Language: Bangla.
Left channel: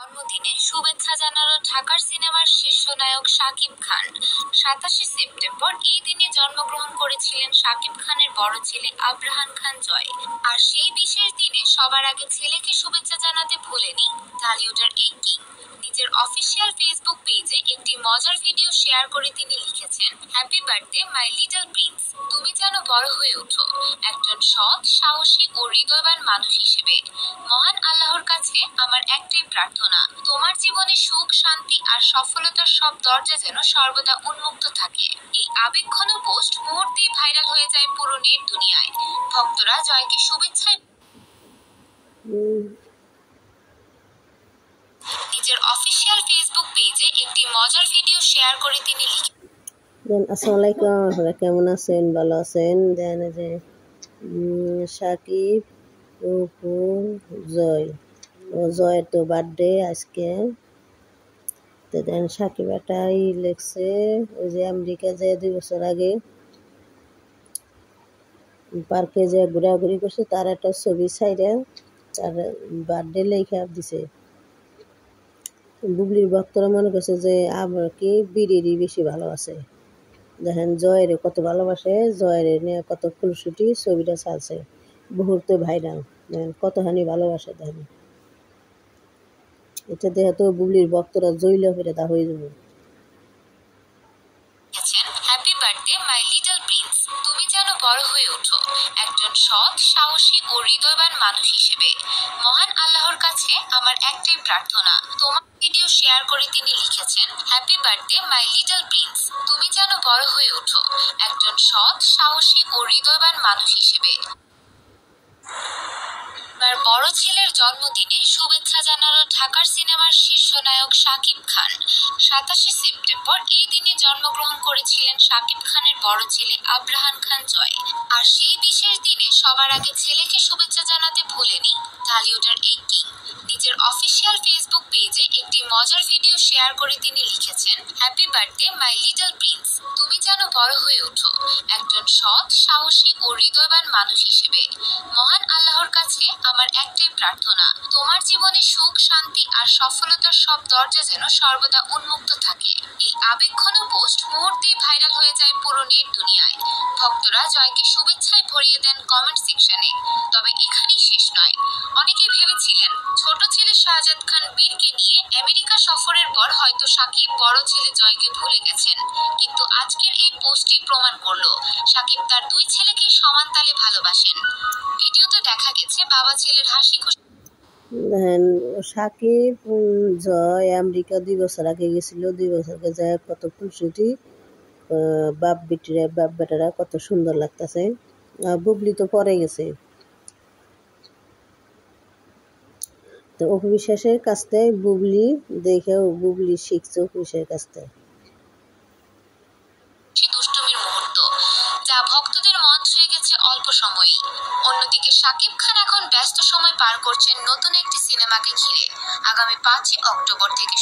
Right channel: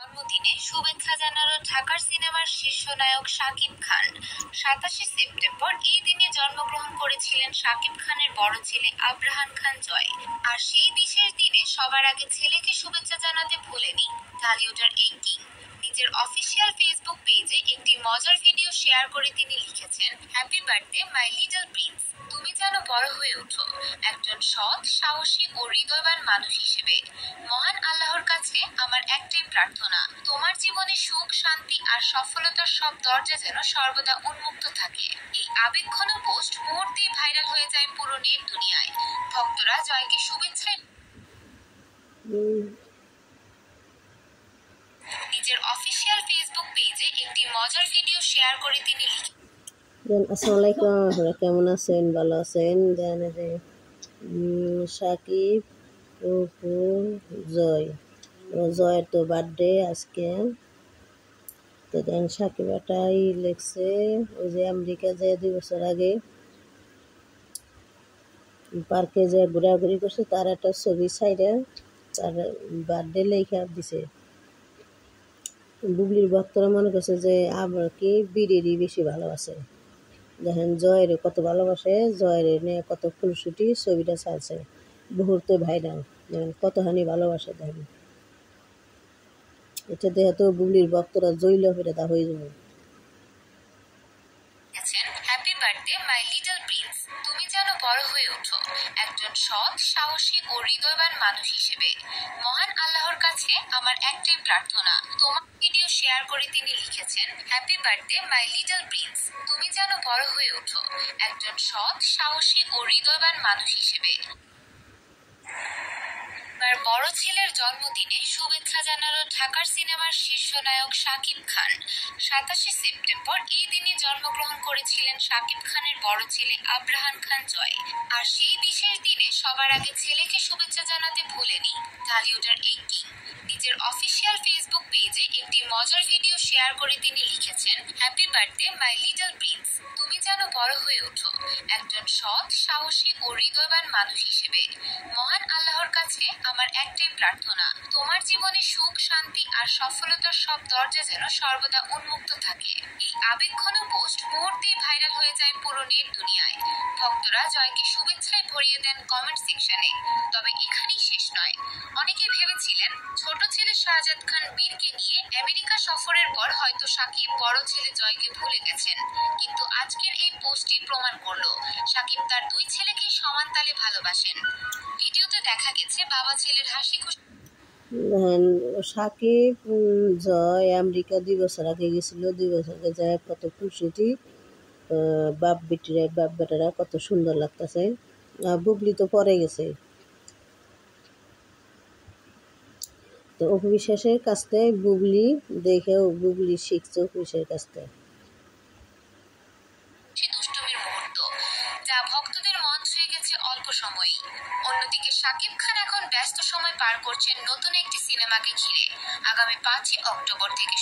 জন্মদিনে শুভেচ্ছা জানালো ঢাকার সিনেমার শীর্ষ নায়ক শাকিব খান। 27 সেপ্টেম্বর এই দিনে জন্মগ্রহণ করেছিলেন শাকিব খানের বড় ছেলে আব্রাহান খান জয়। আর সেই বিশেষ দিনে সবার আগে ছেলেকে শুভেচ্ছা জানাতে ভোলেনি ঢালিউডের এই কিং। নিজের অফিসিয়াল ফেসবুক পেজে একটি মজার ভিডিও শেয়ার করে তিনি লিখেছেন, happy birthday my little Prince. তুমি যেন বড় হয়ে ওঠো একজন সৎ, সাহসী ও হৃদয়বান মানুষ হিসেবে। মহান আল্লাহর কাছে আমার একটাই প্রার্থনা, তোমার জীবনে সুখ, শান্তি আর সফলতার সব দরজা যেন সর্বদা উন্মুক্ত থাকে। এই আবেগঘন পোস্ট মুহূর্তেই ভাইরাল হয়ে যায় পুরো নেট দুনিয়ায়। ভক্তরা জয়কে শুভেচ্ছায় নিজের অফিসিয়াল ফেসবুক পেজে একটি মজার ভিডিও শেয়ার করে তিনি লিখেছেন, আসসালামু আলাইকুম, আপনারা কেমন আছেন? ভালো আছেন? দেন যে সাকিব অপু জয়ের তো বার্থডে আজকে। তো দেন সাকিব এটাই লিখছে, ওই যে আমেরিকা যে 2 বছর আগে পার্কে যে ঘোরাঘুরি করছে তার একটা ছবি সাইডে তার বার্থডে লেখা দিছে। বুবলির ভক্তরা মনে করছে যে আমার কি বিড়িরই বেশি ভালোবাসে। দেখেন জয়ের কত ভালোবাসে, জয়ের নিয়ে কত ফুলশুটি ছবিটা ছাড়ছে, মুহূর্তে ভাইরাল। দেখেন কতখানি ভালোবাসে। দেখেন এটা দেখে তো বুবলির ভক্তরা জইল ফিরে তা হয়ে যাবে। Happy birthday my little Prince. তুমি যেন বড় হয়ে ওঠো একজন সৎ, সাহসী ও হৃদয়বান মানুষ হিসেবে। মহান আল্লাহর কাছে আমার একটাই প্রার্থনা, তোমার ভিডিও শেয়ার করে তিনি লিখেছেন, happy birthday my little Prince. তুমি যেন বড় হয়ে ওঠো একজন সৎ, সাহসী ও হৃদয়বান মানুষ হিসেবে। তার বড় ছেলের জন্মদিনে শুভেচ্ছা জানালো ঢাকার সিনেমার শীর্ষ নায়ক শাকিব খান। 27 সেপ্টেম্বর এই দিনে জন্মগ্রহণ করেছিলেন শাকিব খানের বড় ছেলে আব্রাহান খান জয়। আর সেই বিশেষ দিনে সবার আগে ছেলেকে শুভেচ্ছা জানাতে ভোলেনি ঢালিউডের এই কিং। নিজের অফিসিয়াল ফেসবুক পেজে একটি মজার ভিডিও শেয়ার করে তিনি লিখেছেন, happy birthday my little Prince. তুমি যেন বড় হয়ে ওঠো একজন সৎ, সাহসী ও হৃদয়বান মানুষ হিসেবে। মহান আল্লাহর কাছে আমার একটাই প্রার্থনা, তোমার জীবনে সুখ, শান্তি আর সফলতার সব দরজা যেন সর্বদা উন্মুক্ত থাকে। এই আবেগঘন পোস্ট মুহূর্তেই ভাইরাল হয়ে যায় পুরো নেট দুনিয়ায়। ভক্তরা জয়কে শুভেচ্ছায় ভরিয়ে দেন কমেন্ট সেকশনে। তবে এখানেই শেষ নয়। অনেকেই ভেবেছিলেন ছোট ছেলে শাহজাদ খান বীরকে নিয়ে আমেরিকা সফরের পর হয়তো সাকিব বড় ছেলে জয়কে ভুলে গেছেন। কিন্তু আজকের এই পোস্টটি প্রমাণ করলো সাকিব তার 2 ছেলেকে সমান তালে ভালোবাসেন। ভিডিওতে দেখা গেছে বাবা ছেলের হাসি খুশি। দেখেন সাকিব জয় আমেরিকা 2 বছর আগে গেছিল, 2 বছর আগে যায় কত ফুলশুটি বাপ বেটারা কত সুন্দর লাগতেছে। বুবলি তো পরে গেছে। তো অপু বিশ্বাসের কাছ থেকে বুবলি দেখেও বুবলি শিখছে অপু বিশ্বাসের কাছ থেকে দুষ্টুমির মুহূর্ত, যা ভক্তদের মন ছুঁয়ে গেছে অল্প সময়েই। অন্যদিকে শাকিব খান এখন ব্যস্ত সময় পার করছেন নতুন একটি সিনেমাকে ঘিরে। আগামী 5 অক্টোবর থেকে